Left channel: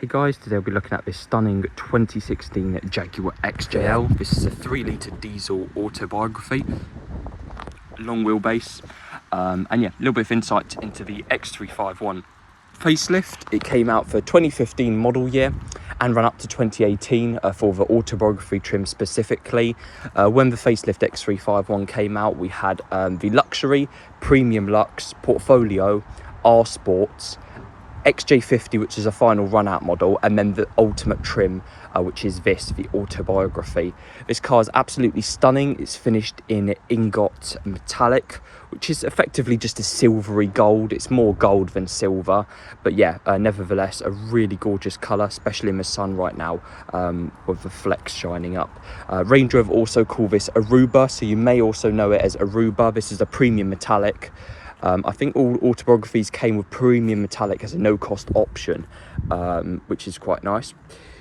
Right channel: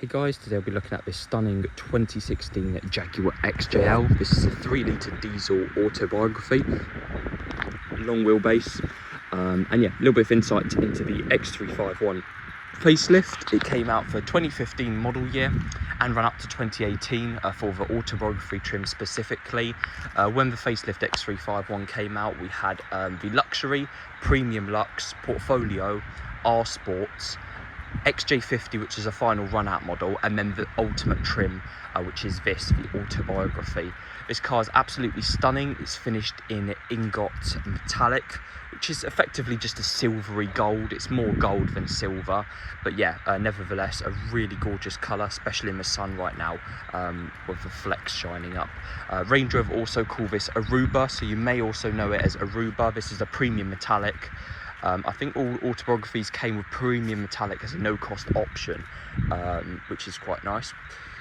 Hey guys, today we'll be looking at this stunning 2016 Jaguar XJL. This is a 3-litre diesel autobiography, long wheelbase, and yeah, a little bit of insight into the X351 facelift. It came out for 2015 model year and ran up to 2018 for the autobiography trim specifically. When the facelift X351 came out, we had the Luxury, Premium Lux, Portfolio, R Sports, XJ50, which is a final run-out model, and then the ultimate trim, which is this, the autobiography. This car is absolutely stunning. It's finished in Ingot metallic, which is effectively just a silvery gold. It's more gold than silver, but yeah, nevertheless, a really gorgeous colour, especially in the sun right now, with the flecks shining up. Range Rover also call this Aruba, so you may also know it as Aruba. This is a premium metallic. I think all autobiographies came with premium metallic as a no-cost option, which is quite nice.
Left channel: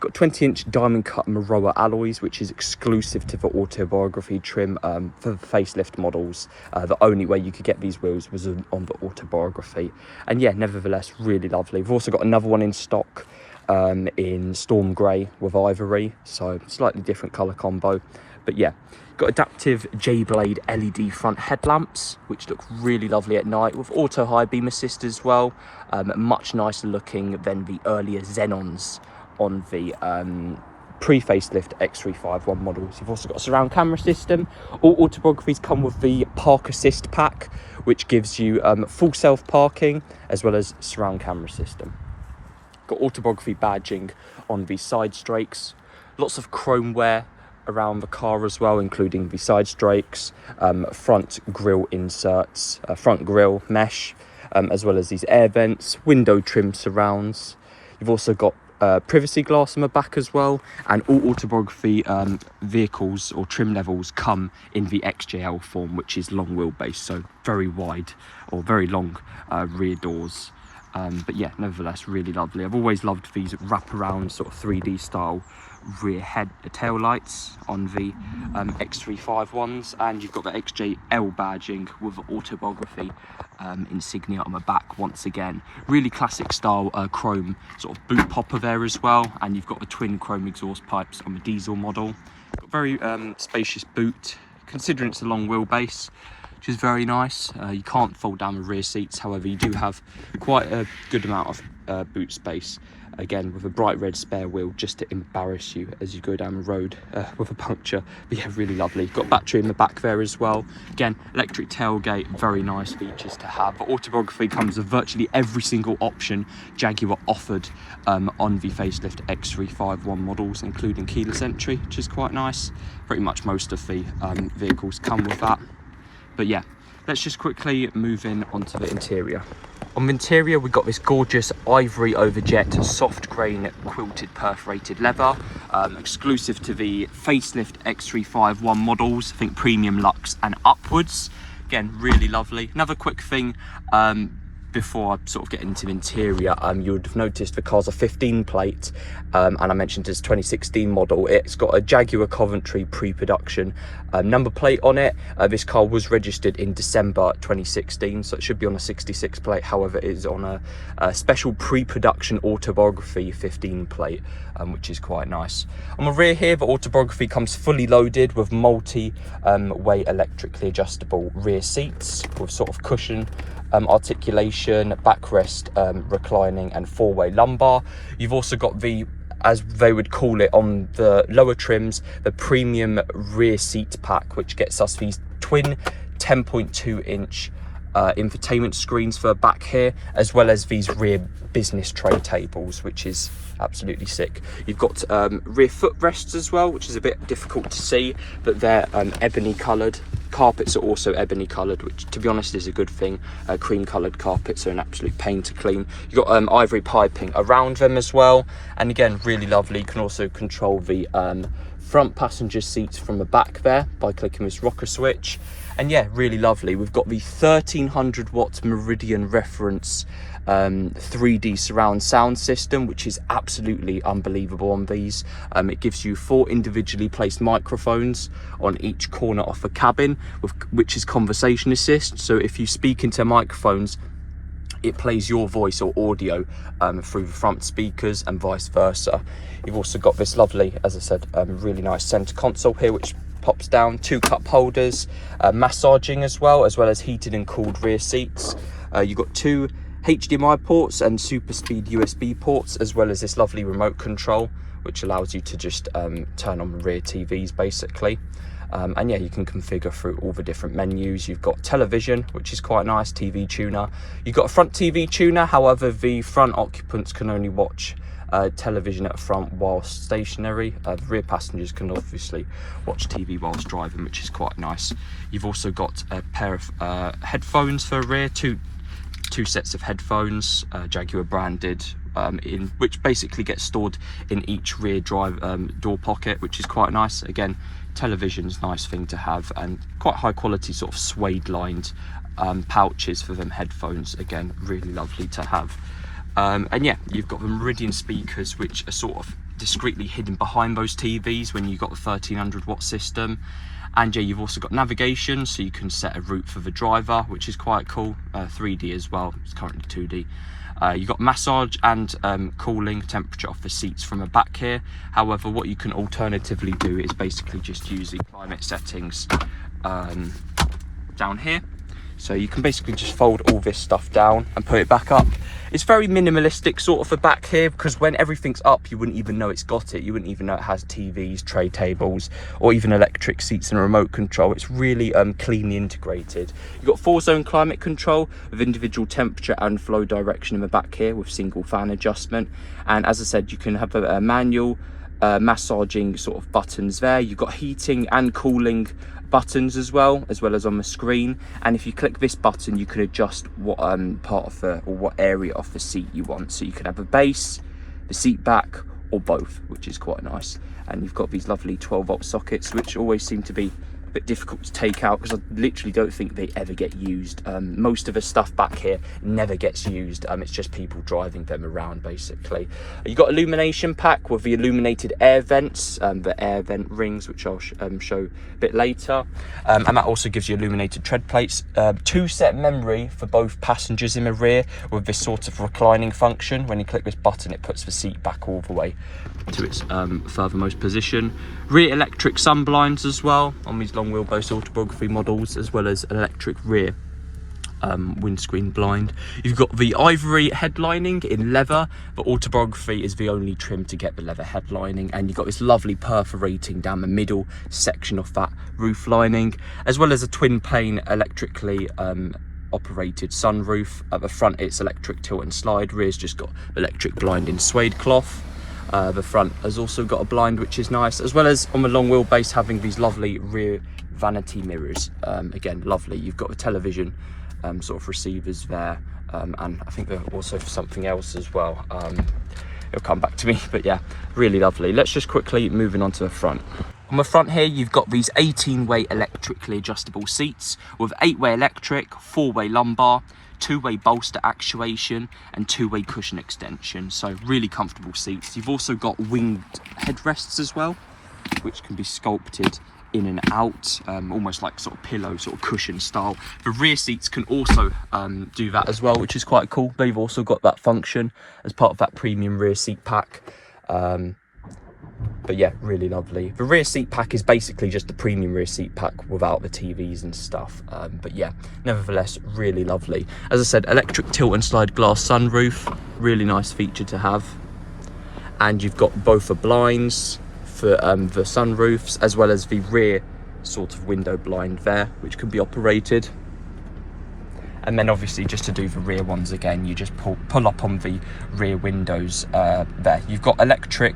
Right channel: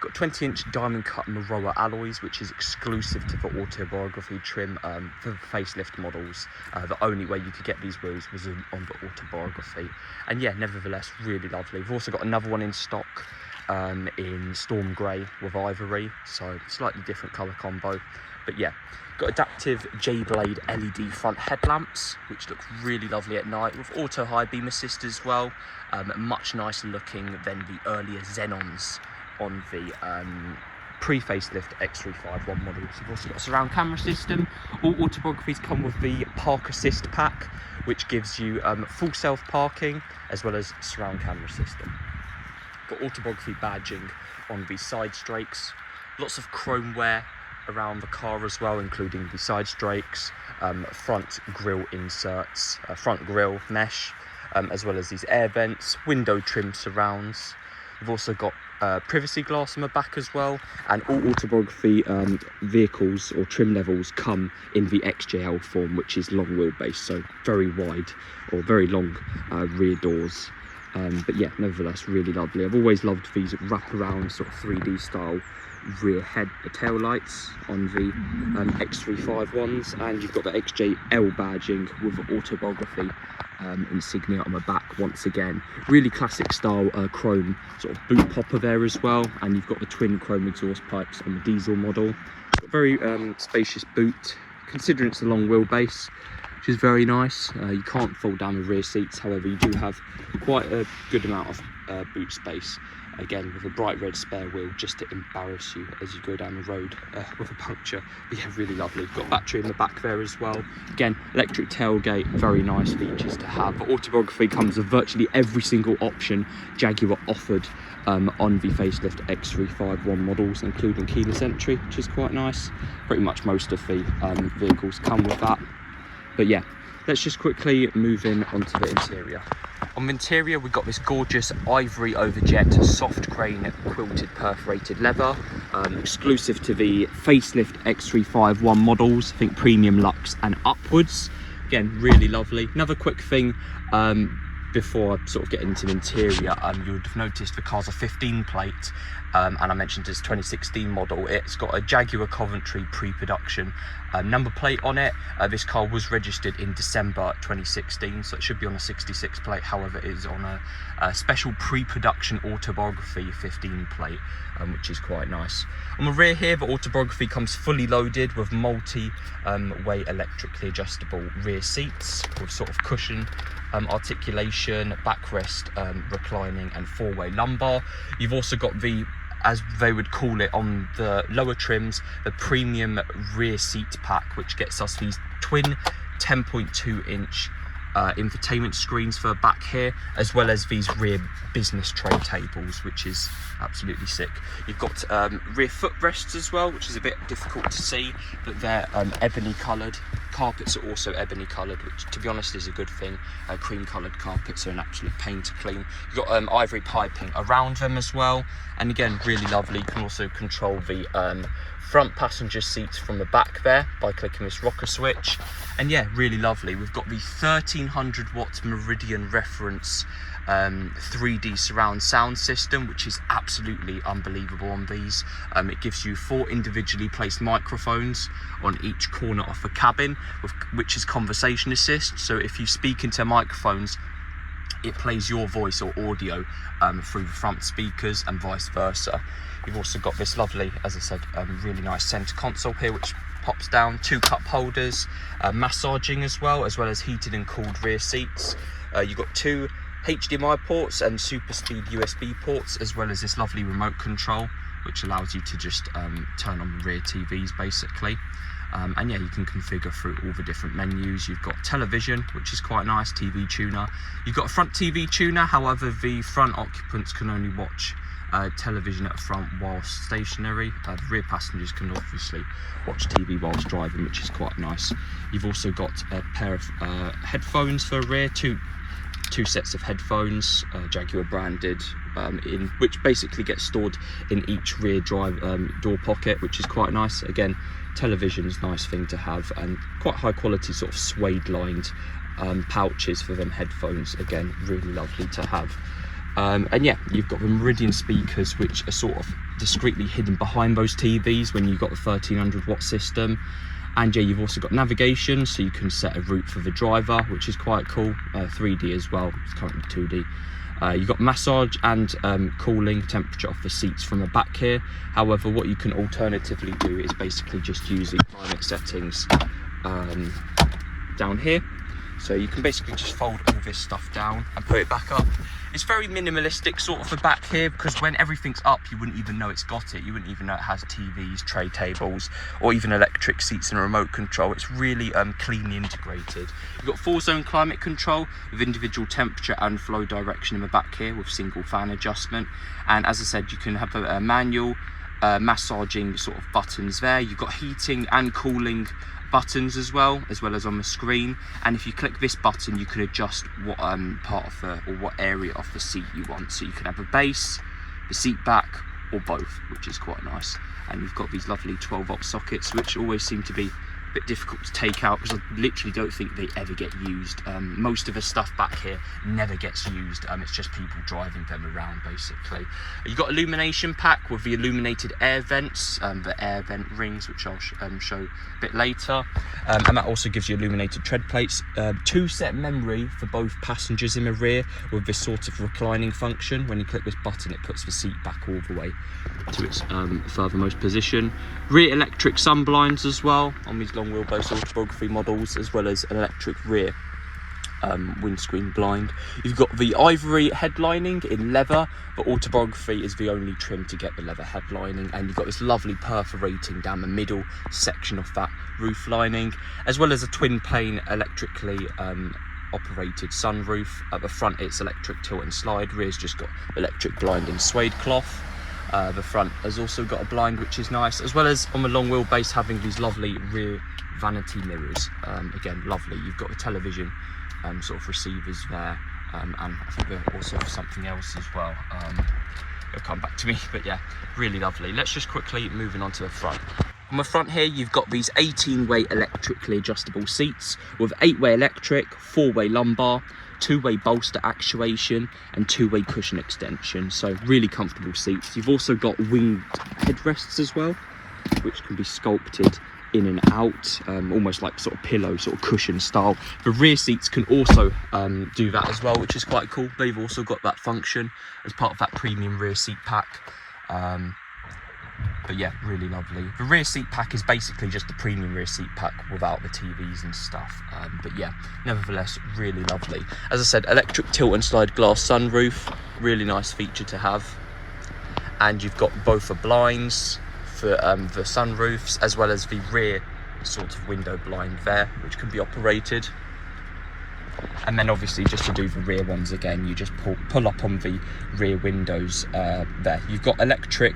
Got 20-inch diamond cut Maroa alloys, which is exclusive to the autobiography trim for the facelift models. The only way you could get these wheels was on the autobiography. And yeah, nevertheless, really lovely. We've also got another one in stock in Storm Grey with Ivory, so slightly different colour combo. But yeah, got adaptive J-Blade LED front headlamps, which look really lovely at night, with auto high beam assist as well. Much nicer looking than the earlier Xenons on the pre-facelift X351 models. We've also got a surround camera system. All autobiographies come with the Park Assist pack, which gives you full self-parking as well as surround camera system. Got autobiography badging on the side strakes. Lots of chrome wear around the car as well, including the side strakes, front grille inserts, front grille mesh, as well as these air vents, window trim surrounds. You've also got privacy glass on the back as well, and all autobiography vehicles or trim levels come in the XJL form, which is long wheelbase, so very wide or very long rear doors. But yeah, nevertheless, really lovely. I've always loved these wraparound sort of 3D style rear head tail lights on the X351s, and you've got the XJL badging with the autobiography insignia on the back once again. Really classic style chrome sort of boot popper there as well, and you've got the twin chrome exhaust pipes on the diesel model. Got very spacious boot, considering it's a long wheelbase, which is very nice. You can't fold down the rear seats, however you do have quite a good amount of boot space, again with a bright red spare wheel just to embarrass you as you go down the road with a puncture. But yeah, really lovely. Got battery in the back there as well. Again, electric tailgate, very nice features to have. But autobiography comes with virtually every single option Jaguar offered on the facelift X351 models, including keyless entry, which is quite nice. Pretty much most of the vehicles come with that. But yeah, let's just quickly move in onto the interior. On the interior, we've got this gorgeous ivory over jet soft grain quilted perforated leather, exclusive to the facelift X351 models, I think premium luxe and upwards. Again, really lovely. Another quick thing before I sort of get into the interior, you would have noticed the car's a 15 plate, and I mentioned this 2016 model. It's got a Jaguar Coventry pre-production number plate on it. This car was registered in December 2016, so it should be on a 66 plate. However, it is on a special pre-production autobiography 15 plate, which is quite nice. On the rear here, the autobiography comes fully loaded with multi-way electrically adjustable rear seats with sort of cushion articulation, backrest reclining, and 4-way lumbar. You've also got the, as they would call it on the lower trims, the premium rear seat pack, which gets us these twin 10.2-inch infotainment screens for back here, as well as these rear business tray tables, which is absolutely sick. You've got rear footrests as well, which is a bit difficult to see, but they're ebony coloured. Carpets are also ebony coloured, which to be honest is a good thing. Cream coloured carpets are an absolute pain to clean. You've got ivory piping around them as well, and again, really lovely. You can also control the front passenger seats from the back there by clicking this rocker switch. And yeah, really lovely. We've got the 1300 watt Meridian reference 3D surround sound system, which is absolutely unbelievable on these. It gives you 4 individually placed microphones on each corner of the cabin, which is conversation assist. So if you speak into microphones it plays your voice or audio through the front speakers and vice versa. You've also got this lovely, as I said, really nice center console here, which pops down, 2 cup holders, massaging as well as heated and cooled rear seats. You've got 2 HDMI ports and super speed USB ports, as well as this lovely remote control, which allows you to just turn on the rear TVs basically. And yeah, you can configure through all the different menus. You've got television, which is quite nice, TV tuner. You've got a front TV tuner, however, the front occupants can only watch television at the front whilst stationary. The rear passengers can obviously watch TV whilst driving, which is quite nice. You've also got a pair of headphones for rear, two sets of headphones, Jaguar branded, in which basically gets stored in each rear drive door pocket, which is quite nice. Again, television's a nice thing to have, and quite high quality sort of suede lined pouches for them headphones. Again, really lovely to have. And yeah, you've got the Meridian speakers, which are sort of discreetly hidden behind those TVs when you've got the 1300 watt system. And yeah, you've also got navigation, so you can set a route for the driver, which is quite cool. 3D as well, it's currently 2D. You've got massage and cooling temperature off the seats from the back here. However, what you can alternatively do is basically just use the climate settings down here. So you can basically just fold all this stuff down and put it back up. It's very minimalistic sort of the back here, because when everything's up, you wouldn't even know it's got it. You wouldn't even know it has TVs, tray tables, or even electric seats and a remote control. It's really cleanly integrated. You've got 4-zone climate control with individual temperature and flow direction in the back here with single fan adjustment. And as I said, you can have a manual massaging sort of buttons there. You've got heating and cooling buttons as well as on the screen, and if you click this button you can adjust what part of the, or what area of the seat you want. So you can have a base, the seat back, or both, which is quite nice. And you've got these lovely 12-volt sockets, which always seem to be a bit difficult to take out, because I literally don't think they ever get used. Most of the stuff back here never gets used. It's just people driving them around basically. You've got Illumination Pack with the illuminated air vents, the air vent rings, which I'll show a bit later. And that also gives you illuminated tread plates. 2-set memory for both passengers in the rear with this sort of reclining function. When you click this button, it puts the seat back all the way to its furthermost position. Rear electric sun blinds as well on these long wheelbase Autobiography models, as well as an electric rear windscreen blind. You've got the Ivory headlining in leather, but Autobiography is the only trim to get the leather headlining, and you've got this lovely perforating down the middle section of that roof lining, as well as a twin pane electrically operated sunroof. At the front it's electric tilt and slide, rear's just got electric blind in suede cloth. The front has also got a blind, which is nice, as well as on the long wheelbase having these lovely rear vanity mirrors. Again, lovely. You've got a television sort of receivers there, and I think they're also for something else as well. It'll come back to me, but yeah, really lovely. Let's just quickly moving on to the front. On the front here, you've got these 18-way electrically adjustable seats with 8-way electric, 4-way lumbar, 2-way bolster actuation, and 2-way cushion extension. So really comfortable seats. You've also got winged headrests as well, which can be sculpted in and out, almost like sort of pillow, sort of cushion style. The rear seats can also do that as well, which is quite cool. They've also got that function as part of that premium rear seat pack. But yeah, really lovely. The rear seat pack is basically just the premium rear seat pack without the TVs and stuff. But yeah, nevertheless, really lovely. As I said, electric tilt and slide glass sunroof, really nice feature to have. And you've got both the blinds for the sunroofs, as well as the rear sort of window blind there, which can be operated. And then obviously, just to do the rear ones again, you just pull up on the rear windows there. You've got electric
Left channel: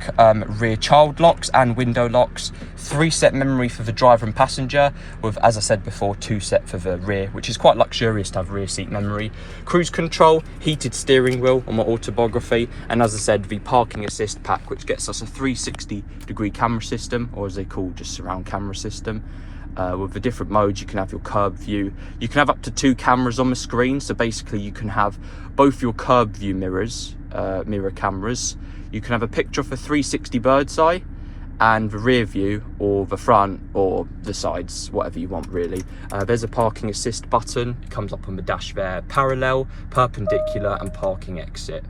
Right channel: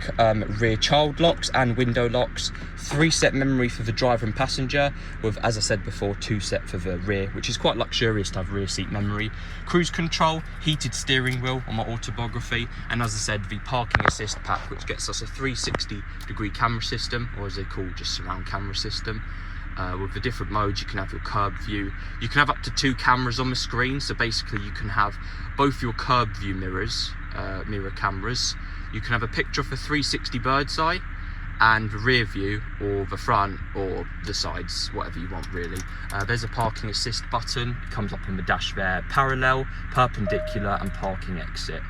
rear child locks and window locks, 3-set memory for the driver and passenger, with, as I said before, 2-set for the rear, which is quite luxurious to have rear seat memory. Cruise control, heated steering wheel on my Autobiography, and as I said, the parking assist pack, which gets us a 360-degree camera system, or as they call just surround camera system. With the different modes, you can have your curb view. You can have up to 2 cameras on the screen, so basically you can have both your curb view mirror cameras. You can have a picture of a 360 bird's eye, and the rear view, or the front, or the sides, whatever you want really. There's a parking assist button, comes up on the dash there, parallel, perpendicular and parking exit.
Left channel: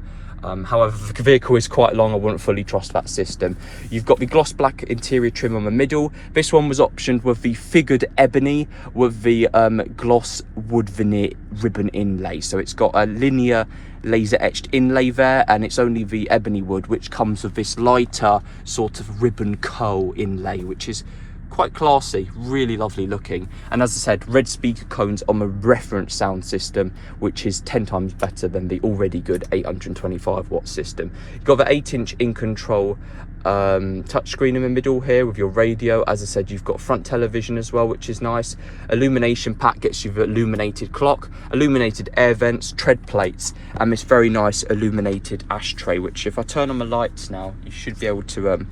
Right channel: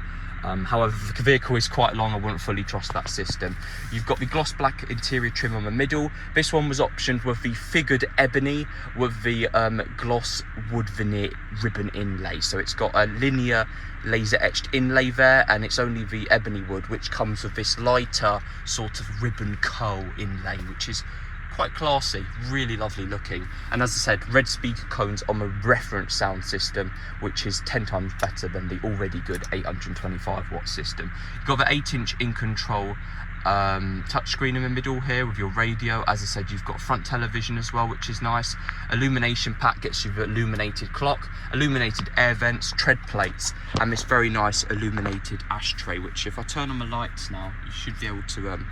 However, if the vehicle is quite long, I wouldn't fully trust that system. You've got the gloss black interior trim on the middle. This one was optioned with the Figured Ebony with the gloss wood veneer ribbon inlay. So it's got a linear laser etched inlay there, and it's only the ebony wood which comes with this lighter sort of ribbon curl inlay, which is quite classy, really lovely looking. And as I said, red speaker cones on the reference sound system, which is 10 times better than the already good 825 watt system. You've got the 8-inch in control touchscreen in the middle here with your radio. As I said, you've got front television as well, which is nice. Illumination Pack gets you the illuminated clock, illuminated air vents, tread plates, and this very nice illuminated ashtray, which if I turn on the lights now, you should be able to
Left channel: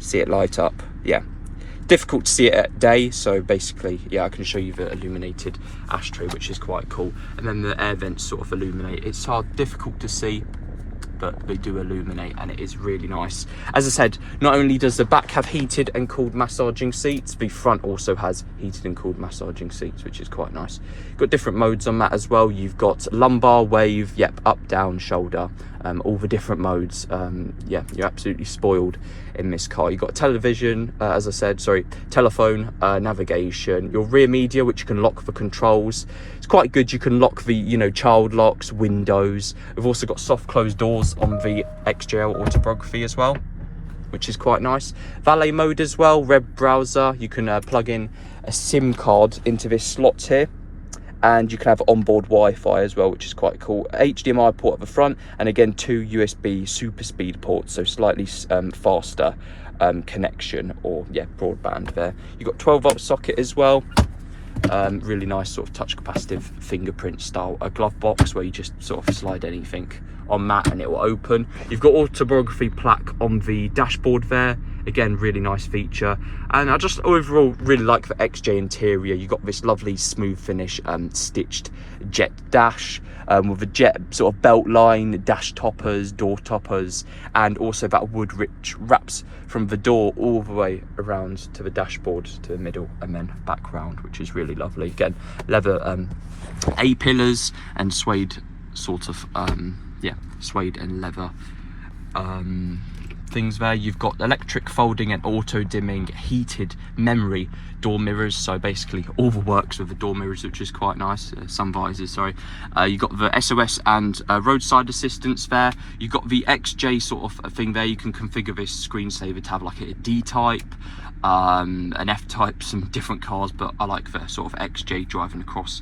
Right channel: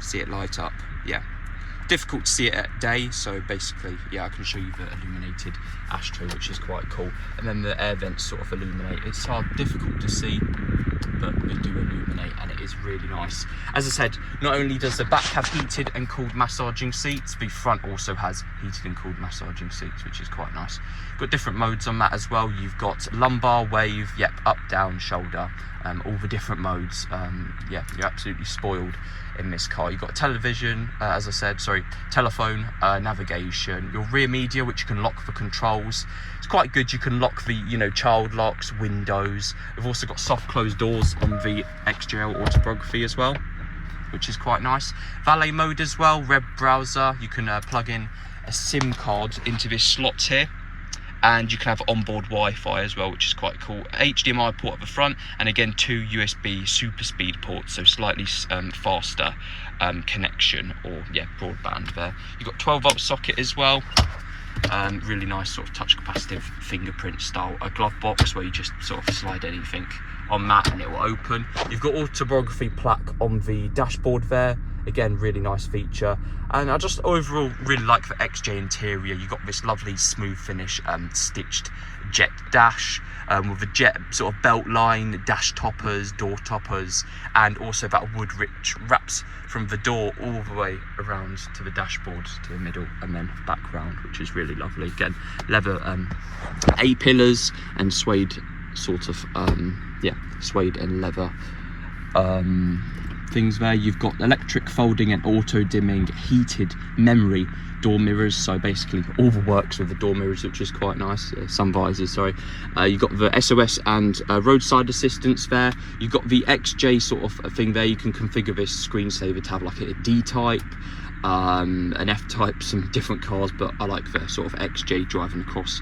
see it light up. Yeah, difficult to see it at day, so basically, yeah, I can show you the illuminated ashtray, which is quite cool. And then the air vents sort of illuminate. It's difficult to see, but they do illuminate, and it is really nice. As I said, not only does the back have heated and cooled massaging seats, the front also has heated and cooled massaging seats, which is quite nice. Got different modes on that as well. You've got lumbar, wave, yep, up, down, shoulder, all the different modes. Yeah, you're absolutely spoiled in this car. You've got television, as I said, sorry, telephone, navigation, your rear media, which you can lock for controls. It's quite good. You can lock the, you know, child locks, windows. We've also got soft closed doors on the XJL Autobiography as well, which is quite nice. Valet mode as well, web browser. You can plug in a SIM card into this slot here, and you can have onboard Wi-Fi as well, which is quite cool. HDMI port at the front, and again 2 USB super speed ports, so slightly faster connection, or yeah, broadband there. You've got 12-volt socket as well. Really nice sort of touch capacitive fingerprint style, a glove box where you just sort of slide anything on that and it will open. You've got autobiography plaque on the dashboard there. Again, really nice feature. And I just overall really like the XJ interior. You've got this lovely smooth finish stitched jet dash with a jet sort of belt line, dash toppers, door toppers, and also that wood rich wraps from the door all the way around to the dashboard to the middle and then back round, which is really lovely. Again, leather A-pillars and suede sort of yeah, suede and leather things there. You've got electric folding and auto dimming heated memory door mirrors, so basically all the works with the door mirrors, which is quite nice. Sun visors, sorry. You've got the SOS and roadside assistance there. You've got the XJ sort of thing there. You can configure this screensaver to have like a D type, an F type, some different cars, but I like the sort of XJ driving across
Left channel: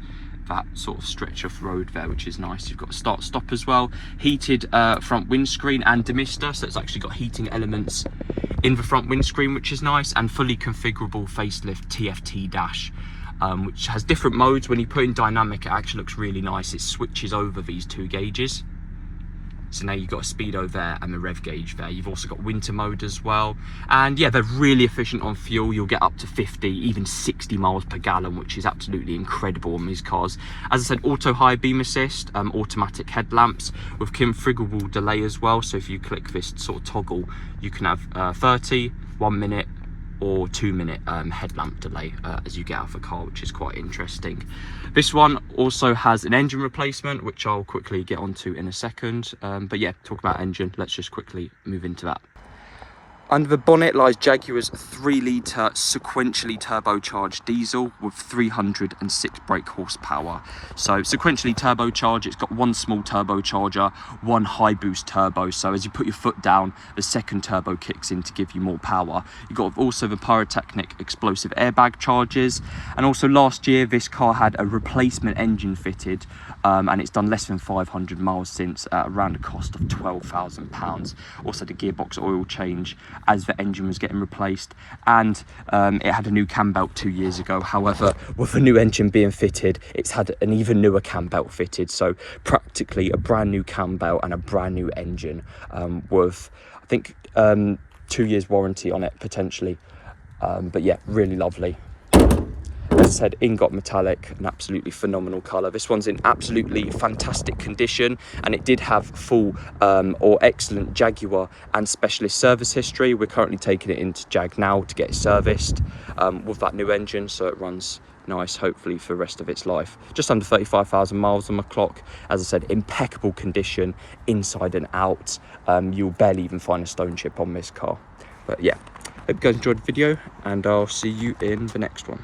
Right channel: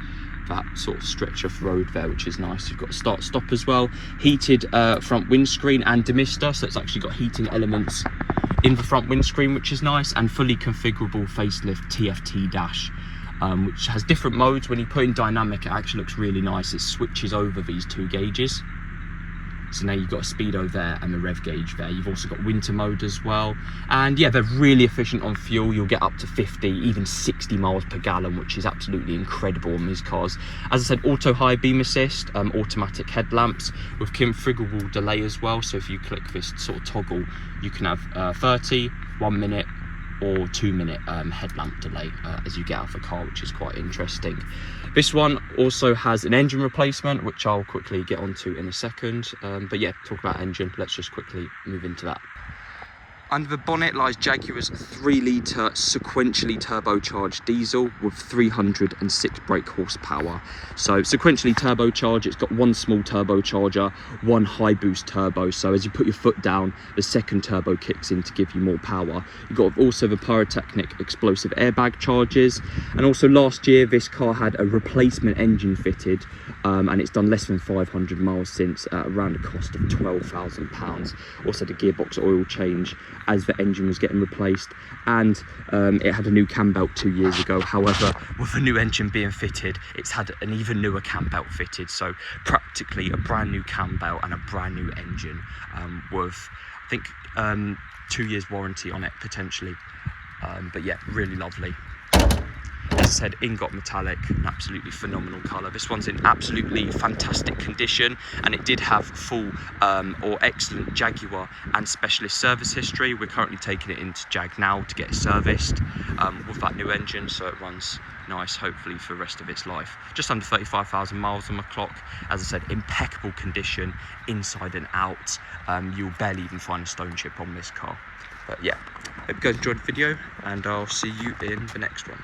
that sort of stretch of road there, which is nice. You've got start stop as well, heated front windscreen and demister, so it's actually got heating elements in the front windscreen, which is nice, and fully configurable facelift TFT dash, which has different modes. When you put in dynamic, it actually looks really nice. It switches over these 2 gauges. So now you've got a speedo there and the rev gauge there. You've also got winter mode as well. And yeah, they're really efficient on fuel. You'll get up to 50, even 60 miles per gallon, which is absolutely incredible on these cars. As I said, auto high beam assist, automatic headlamps with configurable delay as well. So if you click this sort of toggle, you can have 30, 1 minute, or 2 minute headlamp delay as you get out of the car, which is quite interesting. This one also has an engine replacement, which I'll quickly get onto in a second. But yeah, talk about engine, let's just quickly move into that. Under the bonnet lies Jaguar's 3-litre sequentially turbocharged diesel with 306 brake horsepower. So sequentially turbocharged, it's got 1 small turbocharger, 1 high boost turbo. So as you put your foot down, the second turbo kicks in to give you more power. You've got also the pyrotechnic explosive airbag charges. And also last year, this car had a replacement engine fitted, and it's done less than 500 miles since, around a cost of £12,000. Also the gearbox oil change as the engine was getting replaced, and it had a new cam belt 2 years ago. However, with a new engine being fitted, it's had an even newer cam belt fitted, so practically a brand new cam belt and a brand new engine, with I think 2 years warranty on it potentially. But yeah, really lovely. As I said, Ingot metallic, an absolutely phenomenal colour. This one's in absolutely fantastic condition, and it did have full or excellent Jaguar and specialist service history. We're currently taking it into Jag now to get it serviced with that new engine, so it runs nice, hopefully for the rest of its life. Just under 35,000 miles on my clock. As I said, impeccable condition inside and out. You'll barely even find a stone chip on this car. But yeah, hope you guys enjoyed the video, and I'll see you in the next one.